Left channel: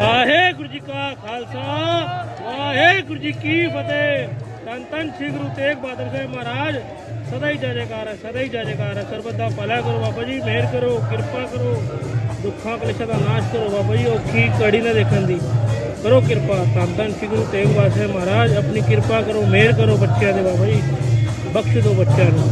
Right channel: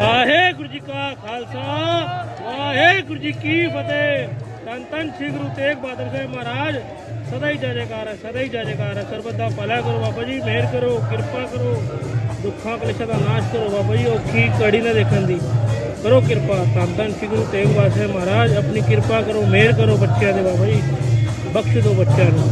ਵਾਹਿਗੁਰੂ ਜੀ ਕਾ ਖਾਲਸਾ, ਵਾਹਿਗੁਰੂ ਜੀ ਕੀ ਫਤਿਹ। ਤਨ ਤਨ ਸ੍ਰੀ ਗੁਰੂ ਤੇਗ ਬਹਾਦਰ ਸਾਹਿਬ ਮਹਾਰਾਜ, ਸਦਾ ਹੀ ਜੈ ਜੈਕਾਰ ਹੈ, ਸਦਾ ਹੀ ਜੈ ਜੈਕਾਰ ਹੈ। ਸਰਬਤ ਦਾ ਭਲਾ ਕਰੋ ਬਾਬਾ ਜੀ, ਮਿਹਰ ਕਰੋ, ਕਿਰਪਾ ਕਰੋ, ਦੁੱਖਾਂ ਕਲੇਸ਼ਾਂ ਦਾ ਨਾਸ਼ ਕਰੋ ਬਾਬਾ ਜੀ ਔਖੀ ਕੜੀ ਨਾ ਦੇਖਣ ਦੀ। ਕਰੋ ਕਿਰਪਾ ਤਨ ਤਨ ਸ੍ਰੀ ਗੁਰੂ ਤੇਗ ਬਹਾਦਰ ਸਾਹਿਬ ਮਹਾਰਾਜ, ਆਪਣੀ ਕਿਰਪਾ ਕਰੋ, ਮਿਹਰ ਕਰੋ ਬੱਚਿਆਂ ਦੇ ਬਾਬਾ ਜੀ, ਬਖਸ਼ ਦਿਓ ਬੱਚਿਆਂ ਨੂੰ।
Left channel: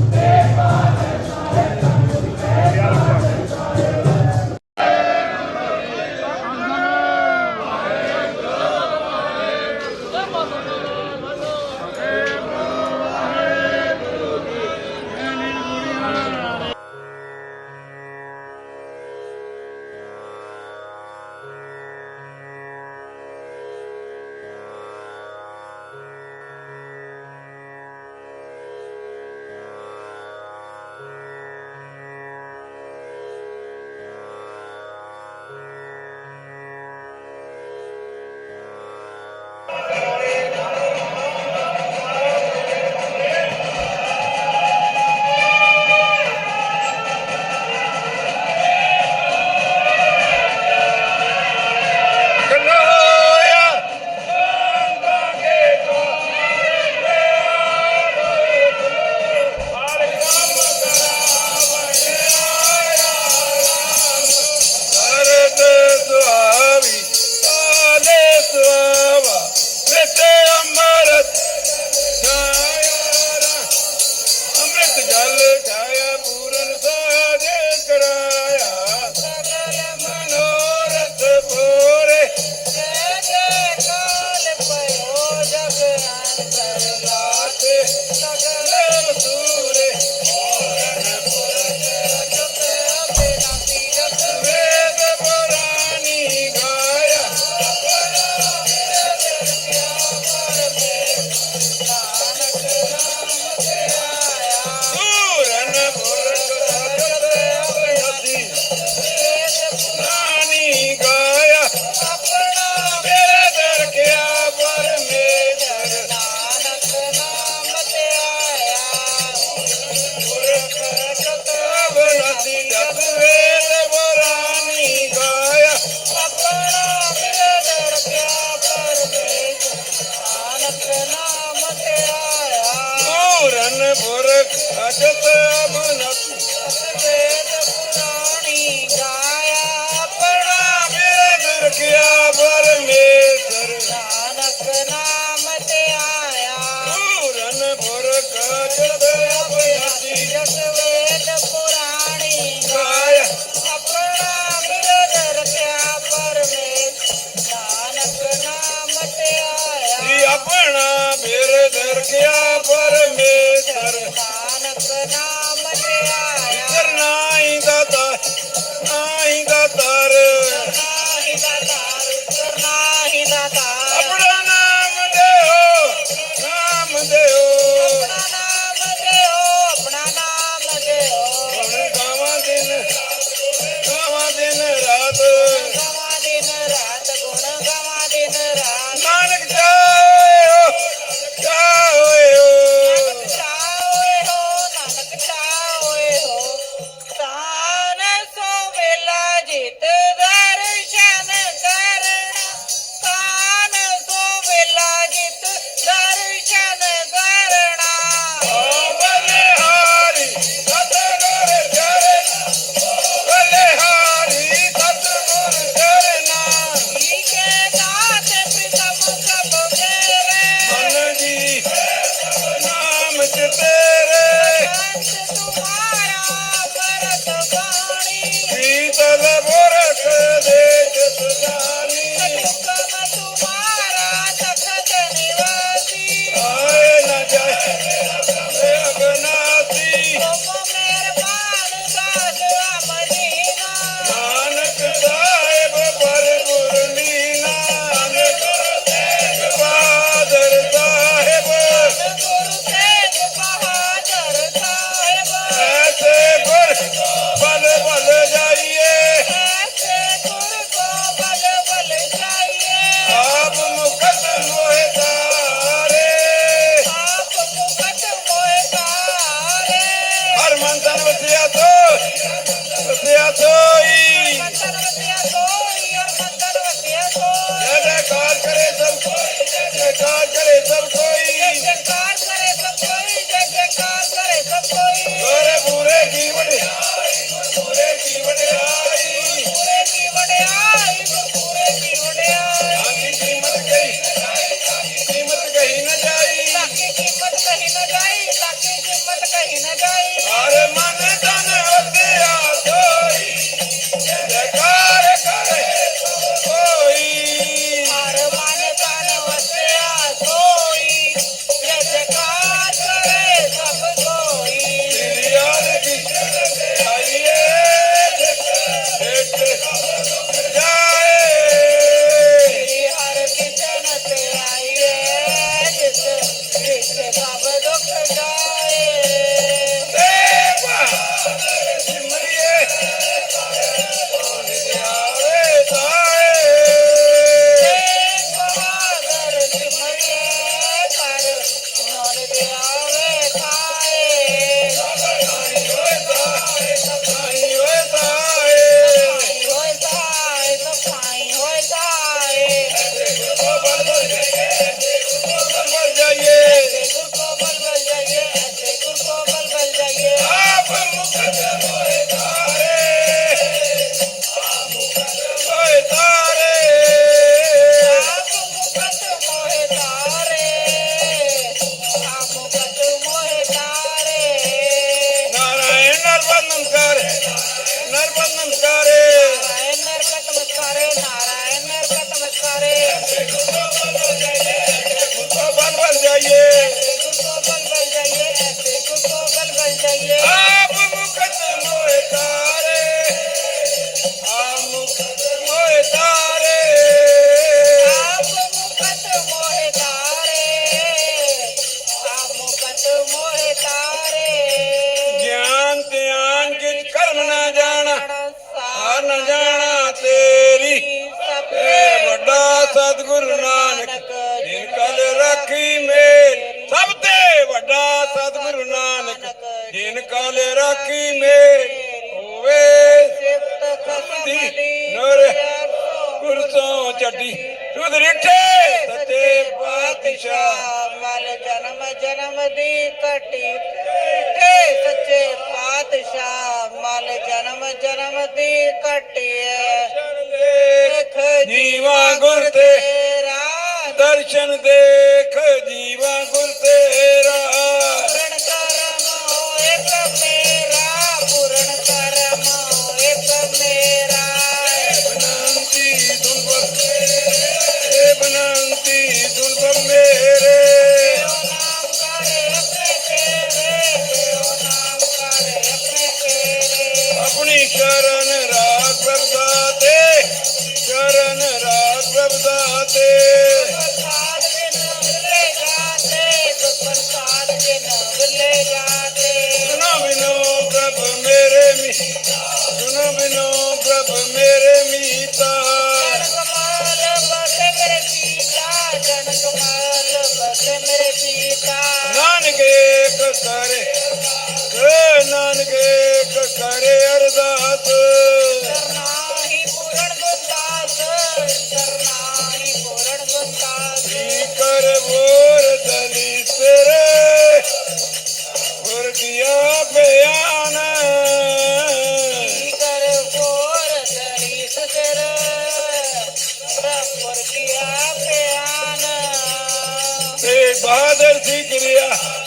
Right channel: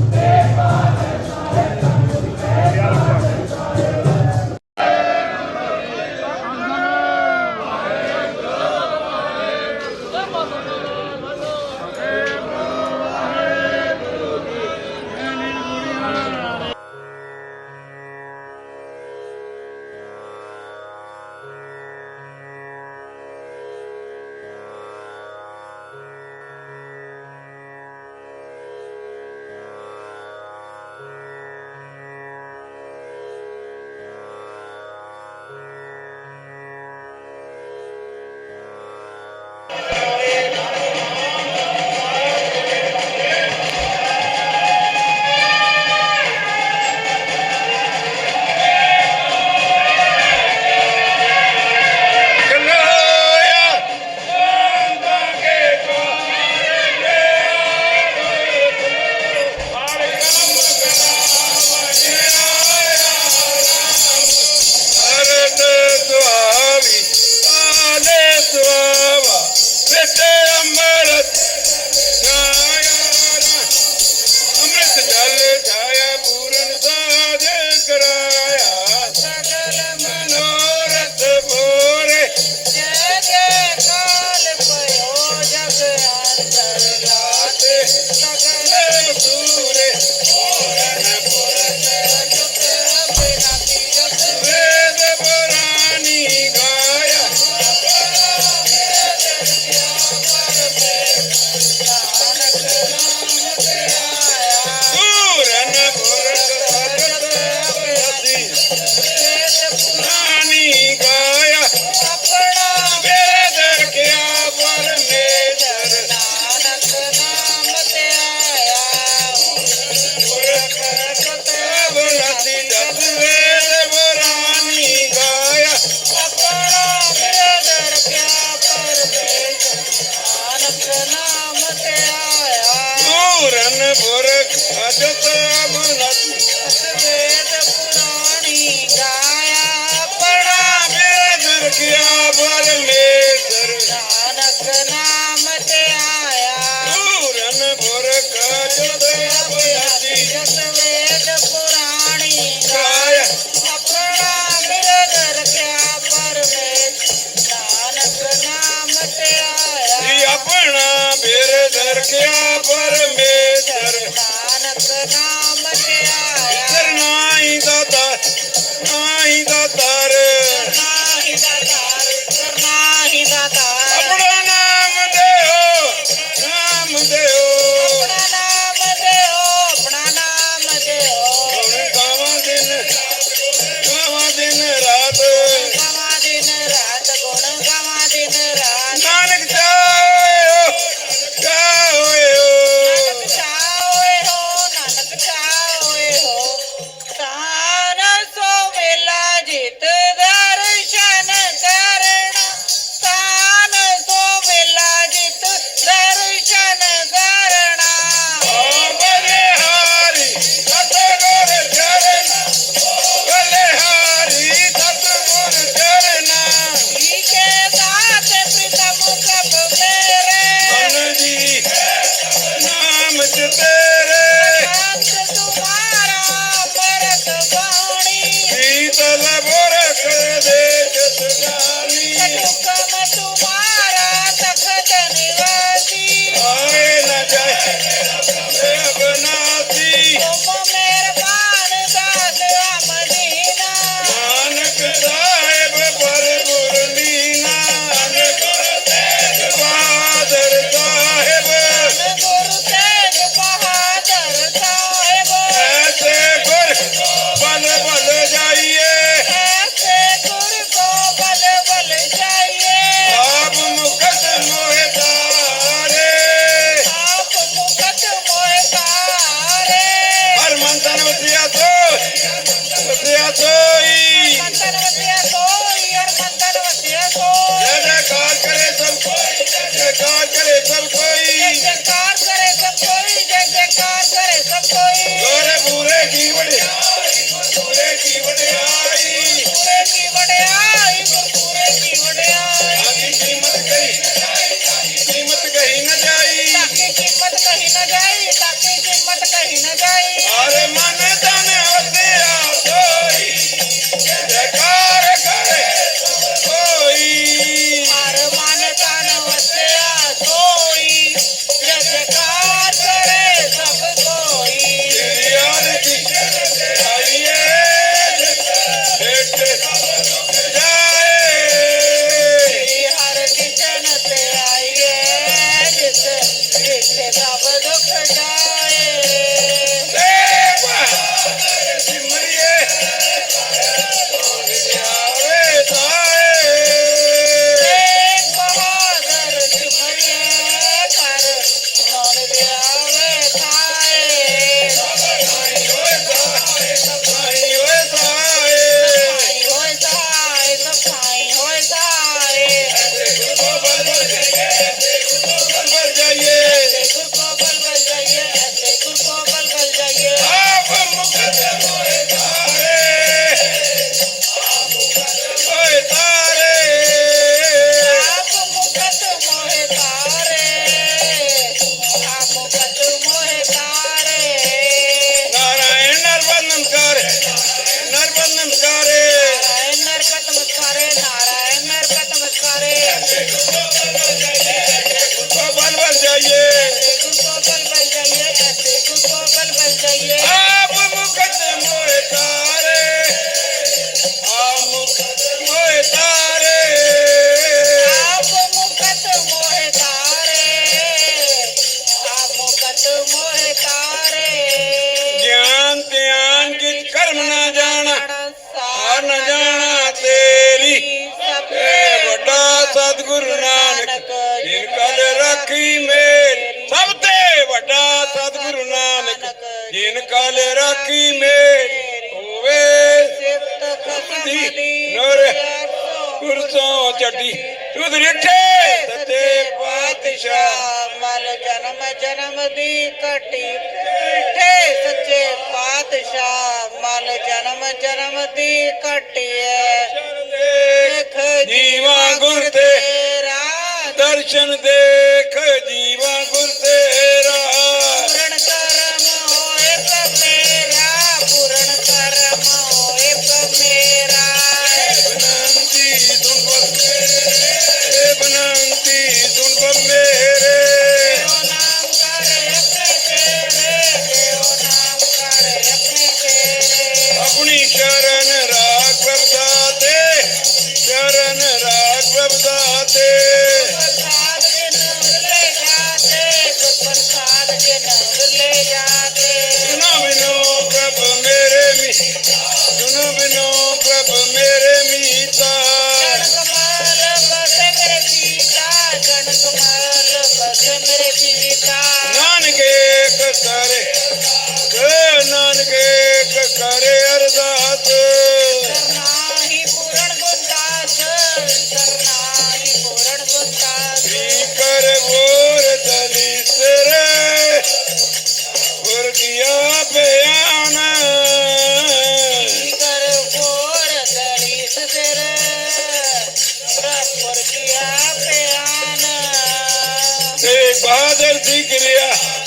Thank you.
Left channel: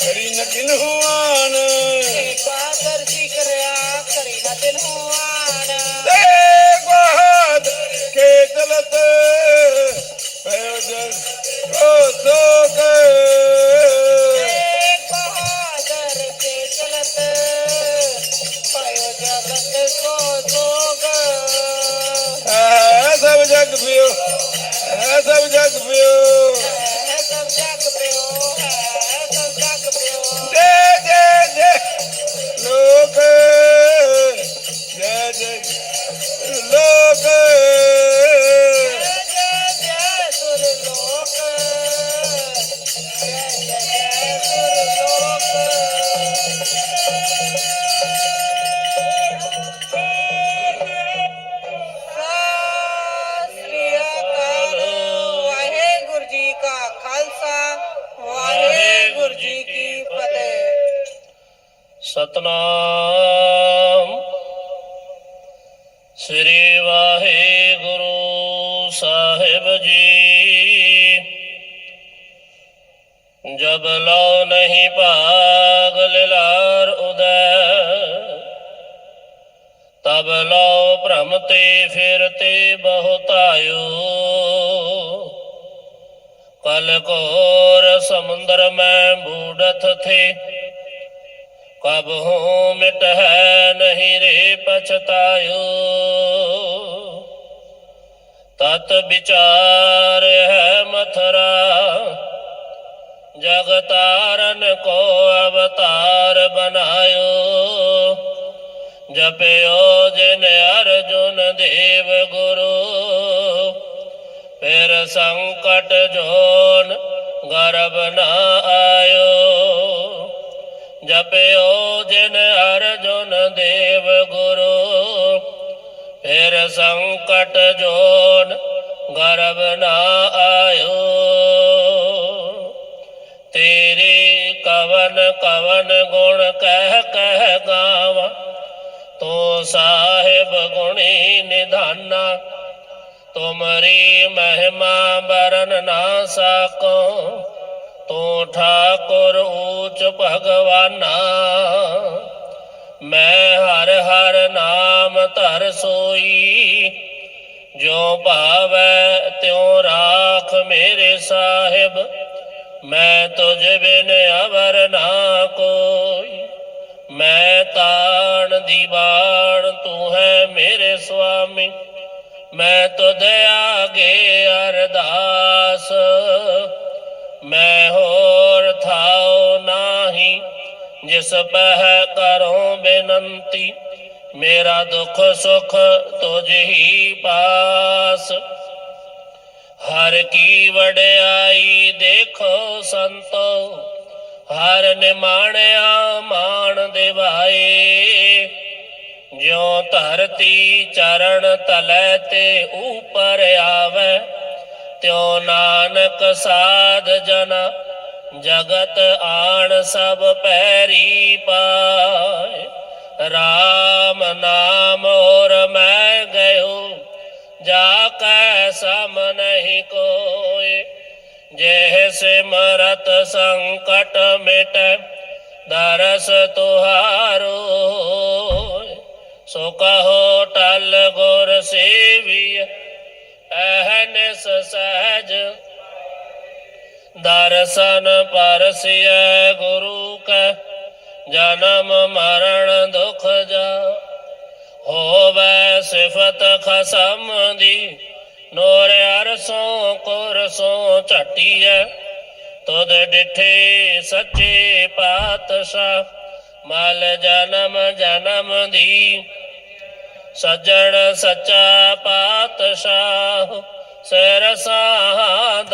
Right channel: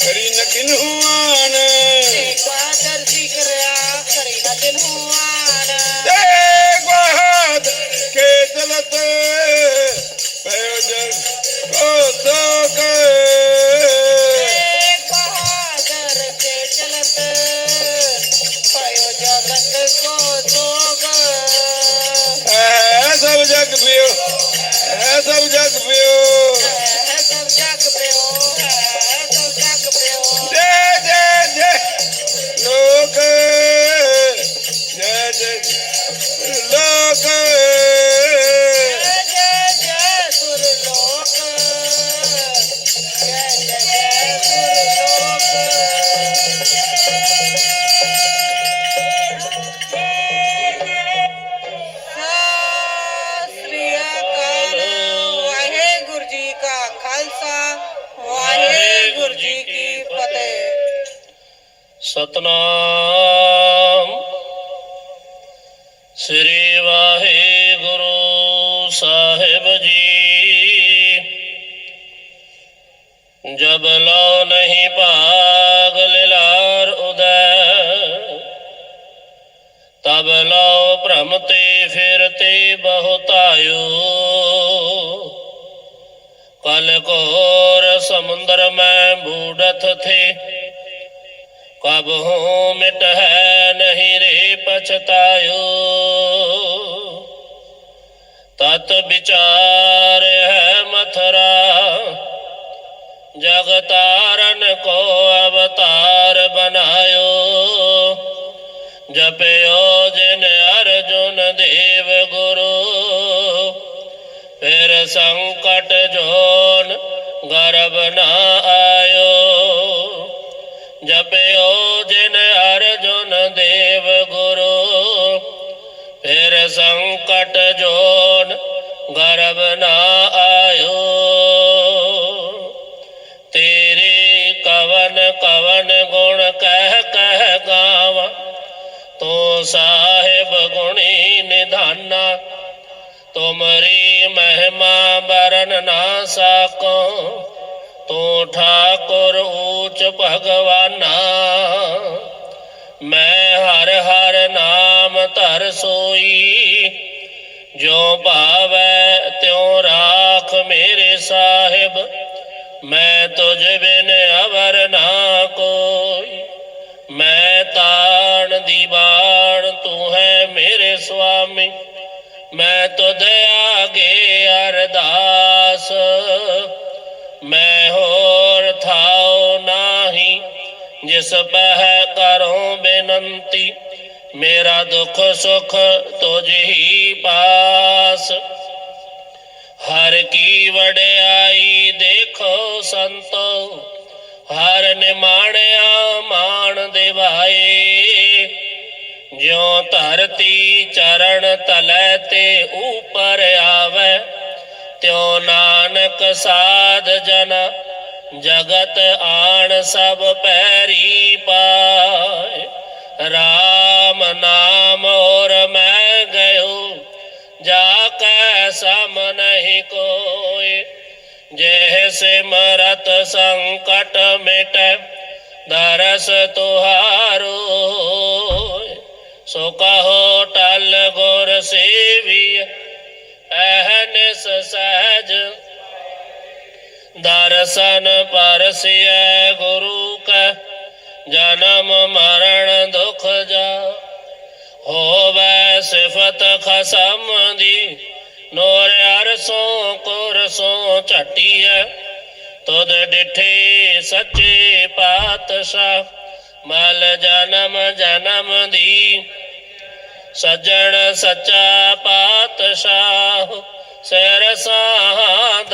ਕਿਰਿਆ ਕਰੀ ਨ ਸਾਹਿਬ ਜੀ। ਜਬ ਲਉ ਨਹੀਂ ਭਾਗ ਲਿਲਾਰ ਉਦੈ, ਤਬ ਲਉ ਭ੍ਰਮ ਤੇ ਫਿਰਤੇ ਬਹੁਤਾਇਓ ਕਲ ਕੋਰ ਸਮੁੰਦਰ ਮੈਂ ਬੂੜਤ ਥੇ, ਕਬ ਹੋ ਮਿਟ ਹੈ ਨਹੀਂ ਰੇ ਪਛਤਾਇਓ। ਤਤ ਵਿਚਾਰ ਹੈ ਮਥਰਾ ਜਗਤਾਰਨ ਕੋ ਅਵਤਾਰ ਬਨਾਇਓ ਜਪਿਓ ਜਿਨ ਅਰਜੁਨ ਦੇਵ ਗੁਰੂ, ਫਿਰ ਸੰਕਟ ਜੋਨ ਗਰਬ ਨਾ ਆਇਓ। ਜਪਿਓ ਜਿਨ ਅਰਜੁਨ ਦੇਵ ਗੁਰੂ ਫਿਰ ਸੰਕਟ ਜੋਨ ਗਰਬ ਨਾ ਆਇਓ ਤੇਰੇ ਕਵਨ ਕਵਨ ਗੁਣ ਕਹਿ ਕਹਿ ਗਾਵਾਂ ਤੋ ਸਾਹਿਬ ਗੁਣੀ ਨਿਧਾਨਾ ਤੁਮਰੀ ਮਹਿਮਾ ਬਰਨ ਨਾ ਸਕੋ ਤੂੰ ਠਾਕੁਰ ਊਚ ਭਗਵਾਨਾ ਮੈਂ ਹਰ ਹਰ ਨਾਮ ਧਰ ਸੋਈ, ਜੋ ਭਾਵੈ ਤਿਉ ਰਾਖ ਮੇਰੇ ਸਾਹਿਬ, ਮੈਂ ਤੁਝ ਬਿਨ ਅਵਰ ਨਾ ਕੋਈ। ਮੈਂ ਤਾਣ ਦੀਵਾਨ ਤੂੰ ਹੈ ਮੇਰੇ ਸੁਆਮੀ, ਮੈਂ ਤੁਧ ਆਗੇ ਅਰਦਾਸ। ਜਿਸ ਪਹਿ ਕਰੋ ਬੇਨੰਤੀ, ਮੇਰਾ ਦੁੱਖ ਸੁਖ ਤੁਝ ਹੀ ਪਾਸ। ਹਰ ਕੀ ਵਡਿਆਈ ਦੇਖੋ ਸੰਤੋ, ਹਰ ਨਿਮਾਣਿਆ ਮਾਣ ਦੇਵਾਏ। ਜਿਉ ਧਰਤੀ ਚਰਨ ਤਲੈ ਤੇ ਉਪਰ ਆਵੇ, ਤਿਉ ਨਾਨਕ ਸਾਧ ਜਨਾ ਜਗਤ ਆਣ ਸਭ ਪੈਰੀ ਪਾਇ RAM ਨਾਮ ਔਰ ਮੈਂ ਗਇਓ, ਜਾ ਕੈ ਸਮ ਨਹੀਂ ਕੋਇ ਜੇ ਸਿਮਰਤ ਸੰਕਟ ਮਿਟੈ, ਦਰਸ ਤੁਹਾਰੋ। ਸੋ ਕਹੋ ਟਲ ਗੁਰ ਸੇਵੀ ਅਹਨਿਸ ਸਹਿਜ ਦਰਸ਼ਨ ਪਰਸਿਐ ਗੁਰੂ ਕੈ, ਜਨਮ ਮਰਨ ਦੁਖ ਜਾ। ਹੋਵੇ ਸਿਫਤ ਖਸਮ ਦੀ, ਨੋਰ ਅਰਸੋਂ ਕੁਰਸੋਂ ਝਟੀਐ। ਤੁਧ ਡਿਠੇ ਸੱਚੇ ਪਾਤਸ਼ਾਹ, ਮਲ ਜਨਮ ਜਨਮ ਦੀ। ਸੱਜਣ ਸੱਚਾ ਪਾਤਸ਼ਾਹ ਸਿਰ ਸਾਹ ਸਾਧ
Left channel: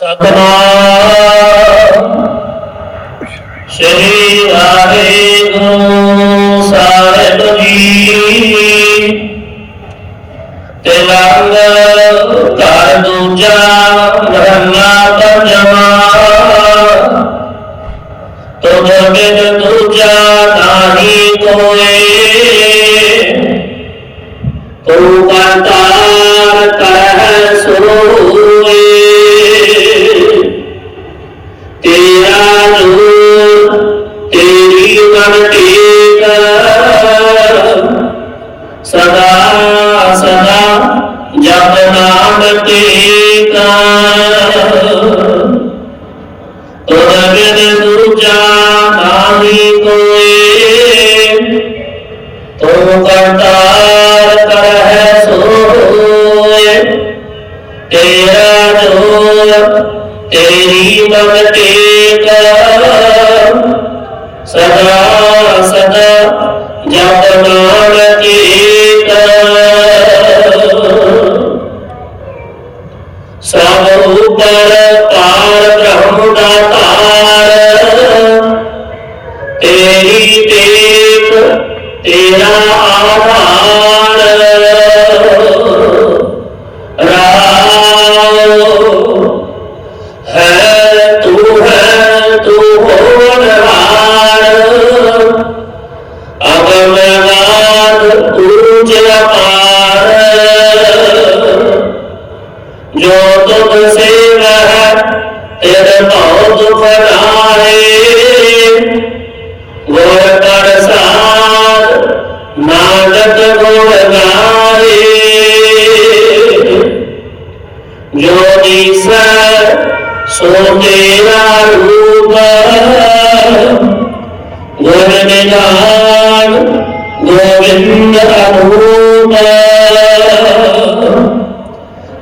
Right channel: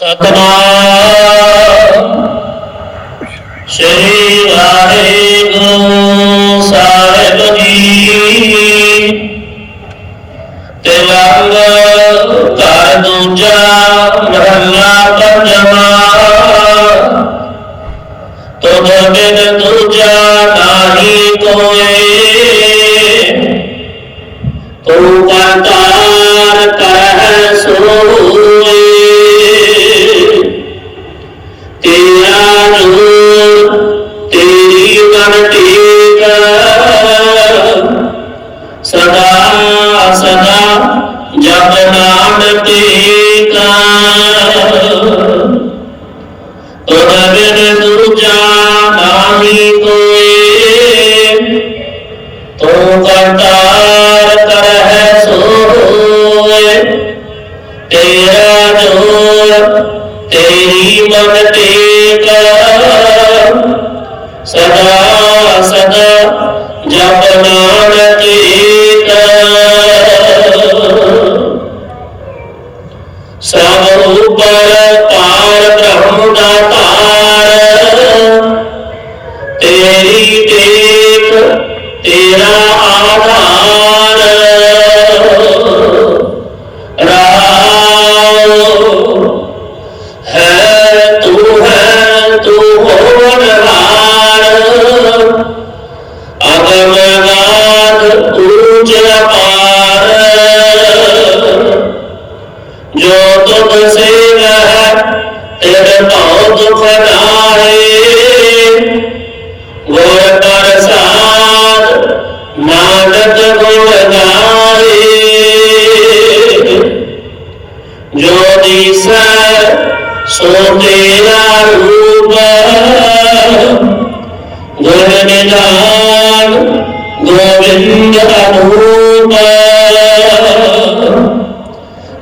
ਸਤਨਾਮ ਸ੍ਰੀ ਵਾਹਿਗੁਰੂ ਸਾਹਿਬ ਜੀ ਤਿਲੰਗ ਘਰ ਦੂਜਾ ਮਹੱਲਾ ਪੰਜਵਾਂ ਤੁਧ ਬਿਨ ਦੂਜਾ ਨਾਹੀ ਕੋਏ ਤੂੰ ਕਰਤਾਰ ਤੇਰਾ ਜੋਰ ਤੇਰੀ ਮਨ ਟੇਕ ਸਦਾ ਸਦਾ ਜਪ ਨਾਮ ਟੇਕ ਸਭ ਉਪਰ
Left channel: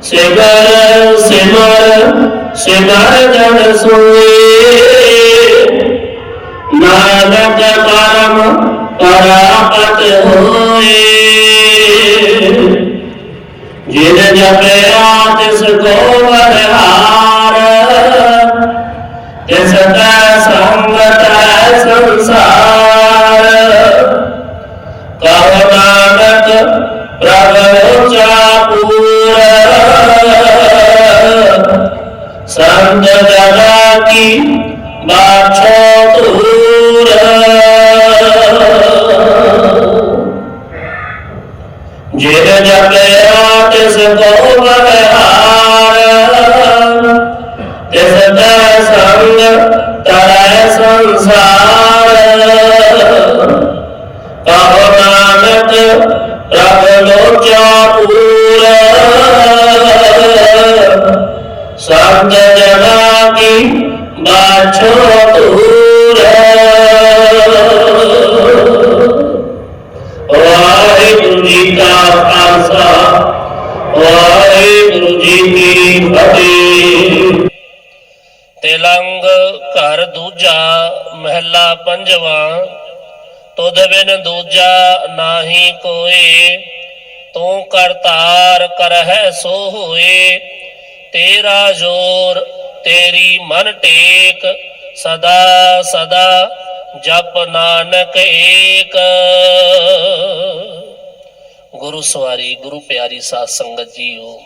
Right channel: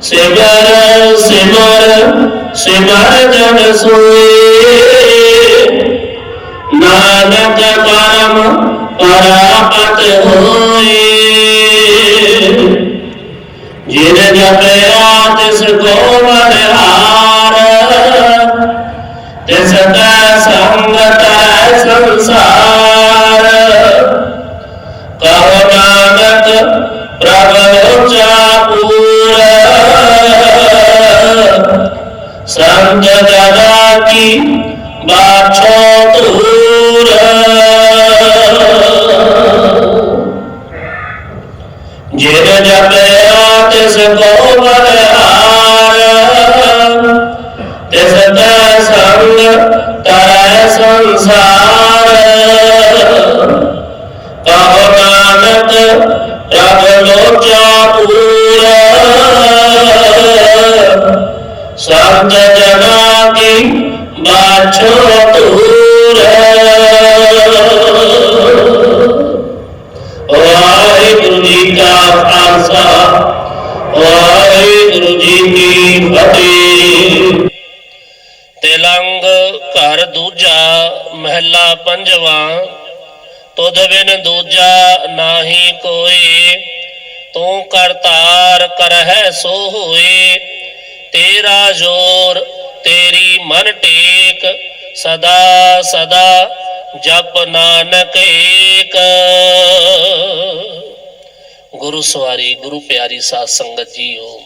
ਸਿਮਰ ਸਿਮਰ ਸਿਮਰ ਜਨ ਸੋਏ। ਨਾਨਕ ਪਰਮ ਪਰਾਪਤ ਹੋਏ। ਜਨਾ ਵਾਹਿਗੁਰੂ ਜੀ ਕਾ ਖਾਲਸਾ, ਵਾਹਿਗੁਰੂ ਜੀ ਕੀ ਫਤਿਹ। ਤੇਲੰਗ ਘਰ ਦੂਜਾ ਮਹਿਲਾ ਪੰਜਵਾ, ਤੁਧ ਬਿਨ ਦੂਜਾ ਨਾਹੀ ਕੋਏ, ਤੂੰ ਕਰਤਾਰ ਕਰਹਿ ਸੋ ਹੋਏ, ਤੇਰਾ ਜੋਰ ਤੇਰੀ ਮਨ ਟੇਕ, ਸਦਾ ਸਦਾ ਜਪ ਨਾਨਕ ਏਕ। ਗੁਰੂ ਸਵਾਰੀ, ਗੁਰੂ ਪਿਆਰੀ ਸਾਧ ਸੰਗਤ ਜੀਓ।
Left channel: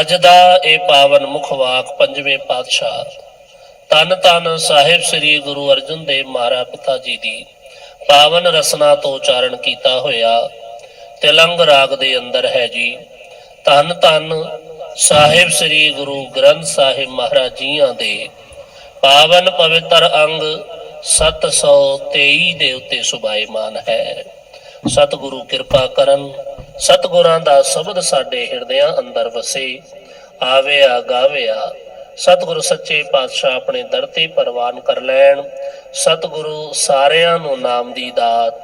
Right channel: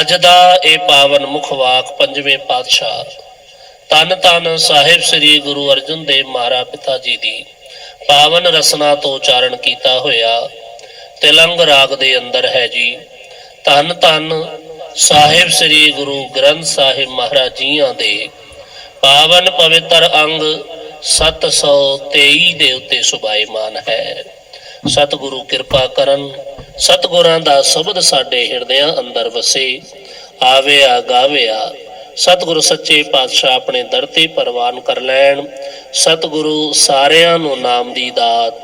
ਅੱਜ ਦਾ ਇਹ ਪਾਵਨ ਮੁਖ ਵਾਕ ਪੰਜਵੇਂ ਪਾਤਸ਼ਾਹ ਤਨ ਤਨ ਸਾਹਿਬ ਸ੍ਰੀ ਗੁਰੂ ਅਰਜਨ ਦੇਵ ਮਹਾਰਾਜ ਪਿਤਾ ਜੀ ਦੀ ਪਾਵਨ ਰਸਨਾ ਤੋਂ ਉਚਾਰਨ ਕੀਤਾ ਹੋਇਆ ਤਿਲੰਗ ਰਾਗ ਦੇ ਅੰਦਰ ਹੈ ਜੀ। ਧੰਨ ਧੰਨ ਸਾਹਿਬ ਸ੍ਰੀ ਗੁਰੂ ਗ੍ਰੰਥ ਸਾਹਿਬ ਮਹਾਰਾਜ ਜੀਆਂ ਦੇ ਪਾਵਨ ਪਵਿੱਤਰ ਅੰਗ 723 ਦੇ ਉੱਤੇ ਸੁਭਾਈਮਾਨ ਹੈ। ਸਤਿਗੁਰੂ ਕਿਰਪਾ ਕਰਨ, ਸਤਿਗੁਰਾਂ ਦਾ ਸ਼ਬਦ ਸਾਡੇ ਹਿਰਦਿਆਂ ਅੰਦਰ ਵਸੇ, ਆਵਿਆ, ਗਾਵਿਆ। ਸਤਿਗੁਰੂ ਸੱਚੇ ਪਾਤਸ਼ਾਹ ਆਪਣੇ ਦਰ ਤੇ ਪ੍ਰਵਾਨ ਕਰ ਲੈਣ। ਸਤਿਗੁਰੂ ਸਾਰਿਆਂ ਨੂੰ ਨਾਮ ਦੀ ਦਾਤ,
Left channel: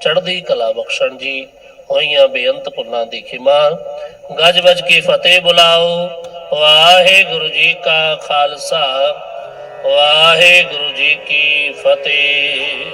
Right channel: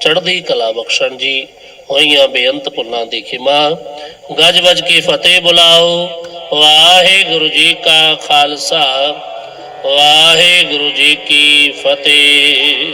ਚੜ੍ਹਦੀ ਕਲਾ ਬਖਸ਼ਣ ਜੀ। ਹੋਈਆਂ ਬੇਅੰਤ ਭੁੱਲਾਂ ਦੀ ਖਿਮਾ, ਗੱਜ ਵੱਜ ਕੇ ਫਤਿਹ ਬੁਲਾਓ। ਵਾਹਿਗੁਰੂ ਜੀ ਕਾ ਖਾਲਸਾ। ਵਾਹਿਗੁਰੂ ਜੀ ਕੀ ਫਤਿਹ।